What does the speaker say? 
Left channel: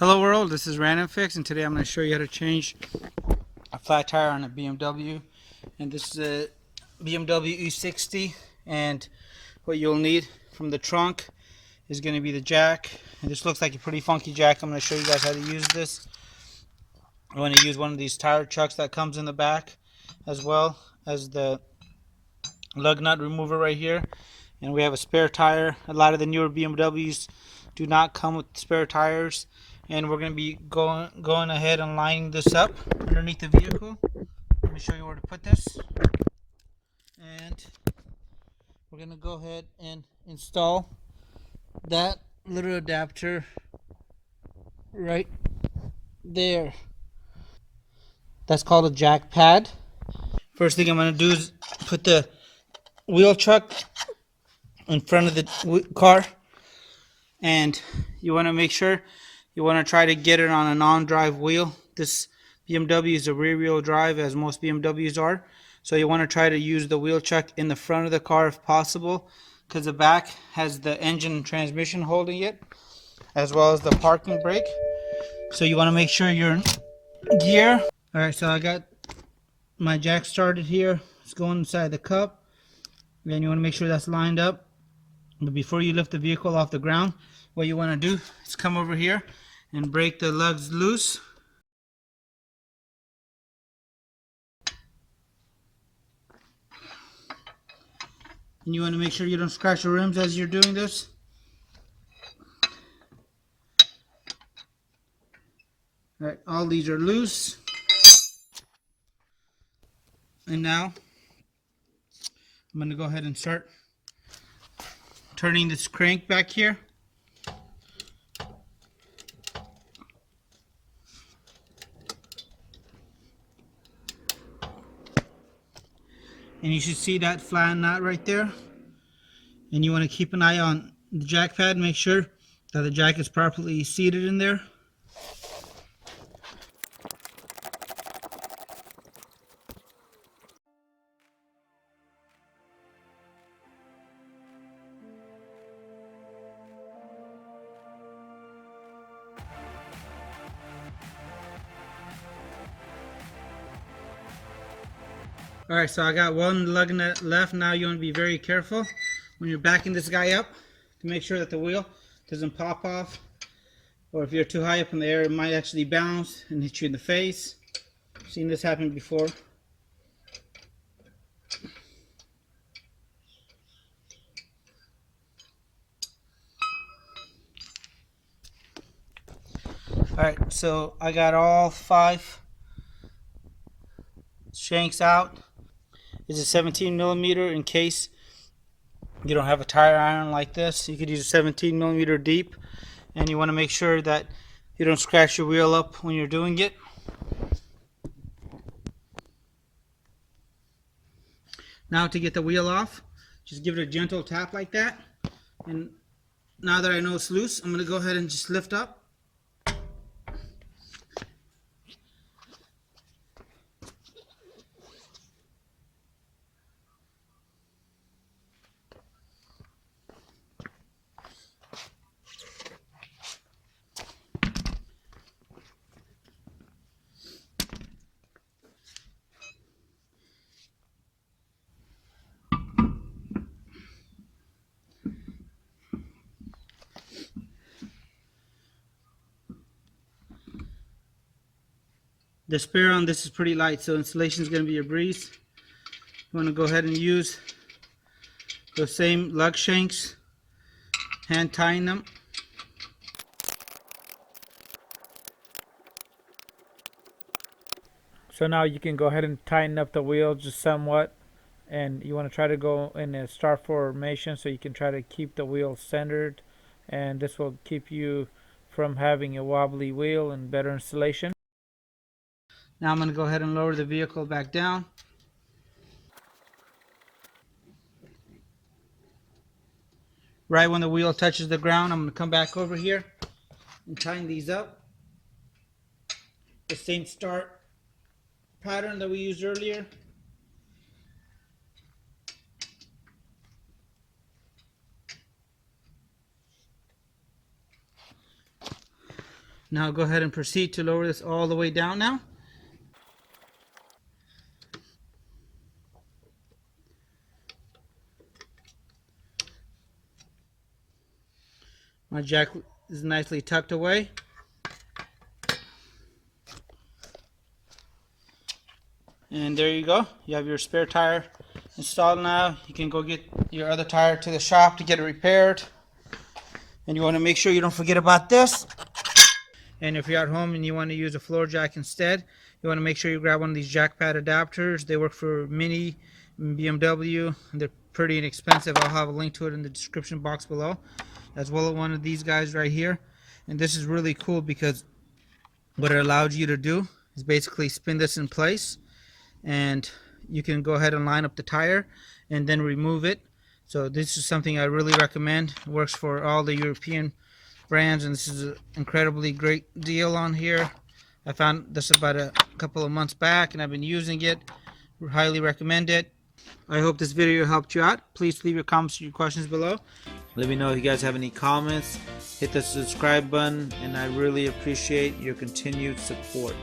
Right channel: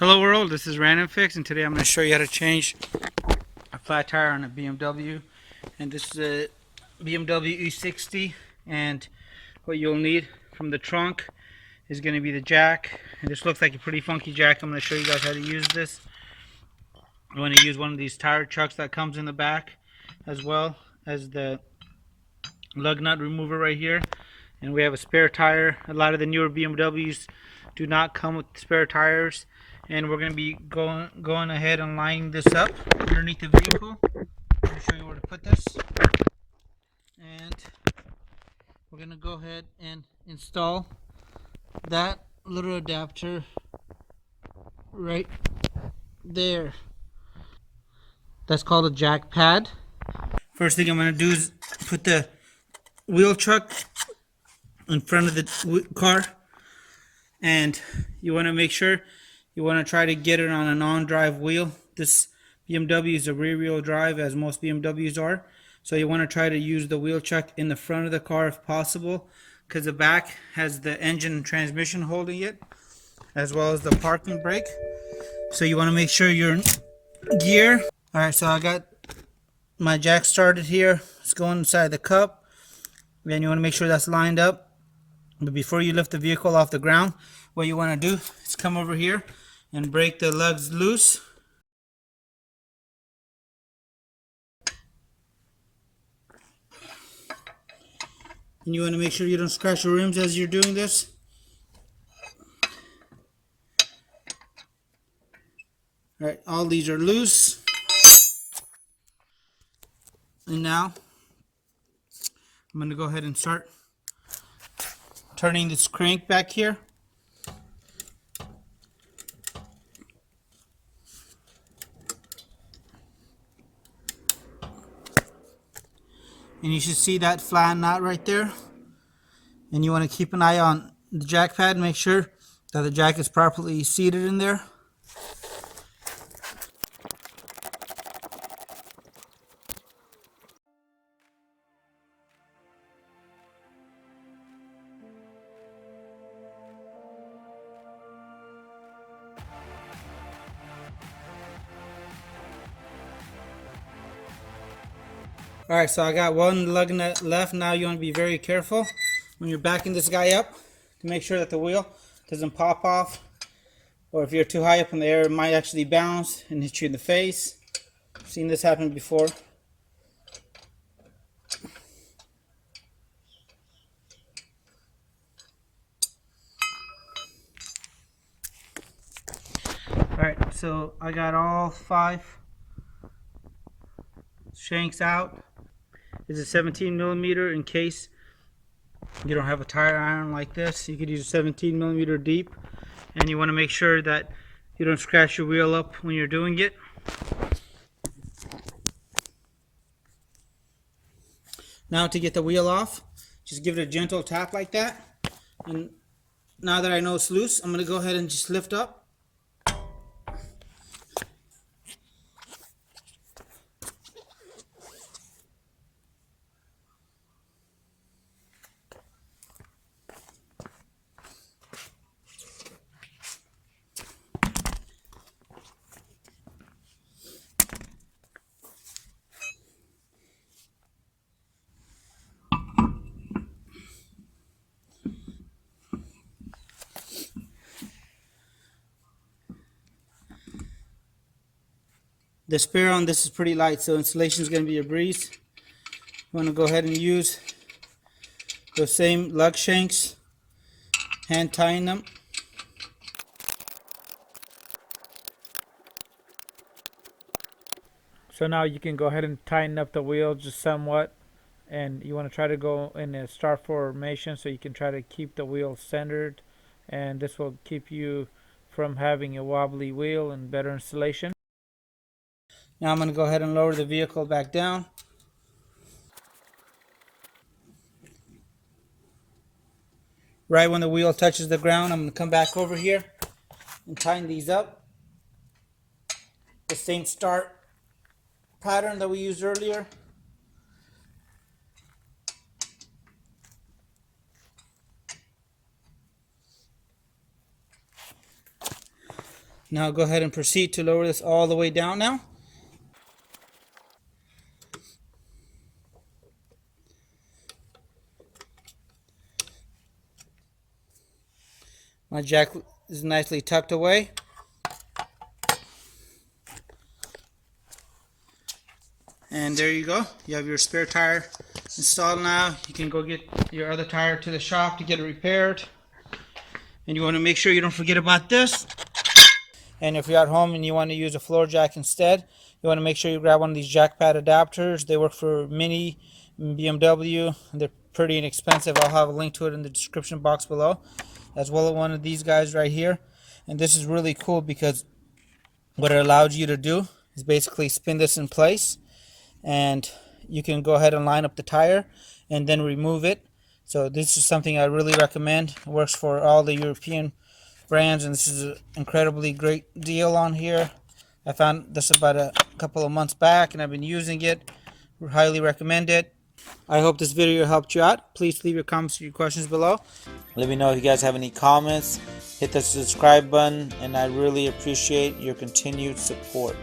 Hello world, this is RandomFIX, and today I'm going to show you how to change a flat tire on a BMW. And this is a BMW E60, and what you'll need from the trunk is going to be the jack. And this looks like a pretty funky jack. I'm going to show you guys how to use this. I'm going to use one of these tire chucks that comes in the back, as well as the lug nut remover right here. And we have a spare tire. A lot of the newer BMWs do not come with spare tires, and we're going to be going ahead and lining this up underneath the vehicle. I'm going to show you where to put this, and we're going to go ahead and install that little adapter right there. That's called a jack pad. First thing I'm going to do is put the wheel chuck in front of the car, and you want to make sure you want to try to get it on a non-drive wheel. This BMW is a rear-wheel drive, as most BMWs are, so you want to try to use the wheel chuck in the front of the car if possible, because the back has the engine and transmission holding it, as well as the parking brake. So you want to make sure you're in gear. Alright, so I got my jack started here. It's going inside the cup. Then you want to make sure that's lined up. But before you lift the vehicle off the ground, what you want to do is come over here and break the lugs loose. And you want to make sure you don't scratch your rims as you're doing this. Alright, all these are loose. And now I'm going to go ahead and start turning this crank back here. And you should see that flat knot right there. And you want to keep an eye on the jack pad, make sure that the jack is properly seated in there. Alright, so I got one lug nut left. Now you want to be very careful when you're backing this guy up to make sure that the wheel doesn't pop off, or if you're too high up in the air, it might actually bounce and hit you in the face. I've seen this happen before. Alright, so I got all 5 shanks out. It's a 17 millimeter in case you don't have a tire iron like this. You could use a 17 millimeter deep, and you want to make sure that you don't scratch your wheel up when you're doing it. Now to get the wheel off, just give it a gentle tap like that. And now that I know it's loose, I'm going to go ahead and just lift up. The spare on this is pretty light, so installation is going to be a breeze. You want to go ahead and use the same lug shanks, hand tying them. So now you can go ahead and tighten up the wheel just somewhat, and you want to try to go in a star formation so you can try to keep the wheel centered, and this will keep you from having a wobbly wheel and better installation. Now I'm going to go ahead and lower the vehicle back down. Right when the wheel touches the ground, I'm going to come back over here and tighten these up. The same start pattern that we used earlier. Now go ahead and proceed to lower this all the way down now. My jack is nicely tucked away. And there you go. You have your spare tire installed now. You can go get your other tire to the shop to get it repaired. And you want to make sure you don't forget about this. And if you're at home and you want to use a floor jack instead, you want to make sure you grab one of these jack pad adapters. They work for Mini, BMW, and they're pretty inexpensive. I'll have a link to it in the description box below, as well as one of these guys right here. And this is really cool because what it allows you to do is basically spin this in place, and you can go ahead and line up the tire and then remove it. So this is something I really recommend. It works for all the European brands, and this is an incredibly great deal on here. I found this about a couple of months back, and I've been using it. Highly recommend it. I hope this video helped you out. Please leave your comments and your questions below. Let me know if you guys have any comments. Hit the subscribe button, and I really appreciate your continued support.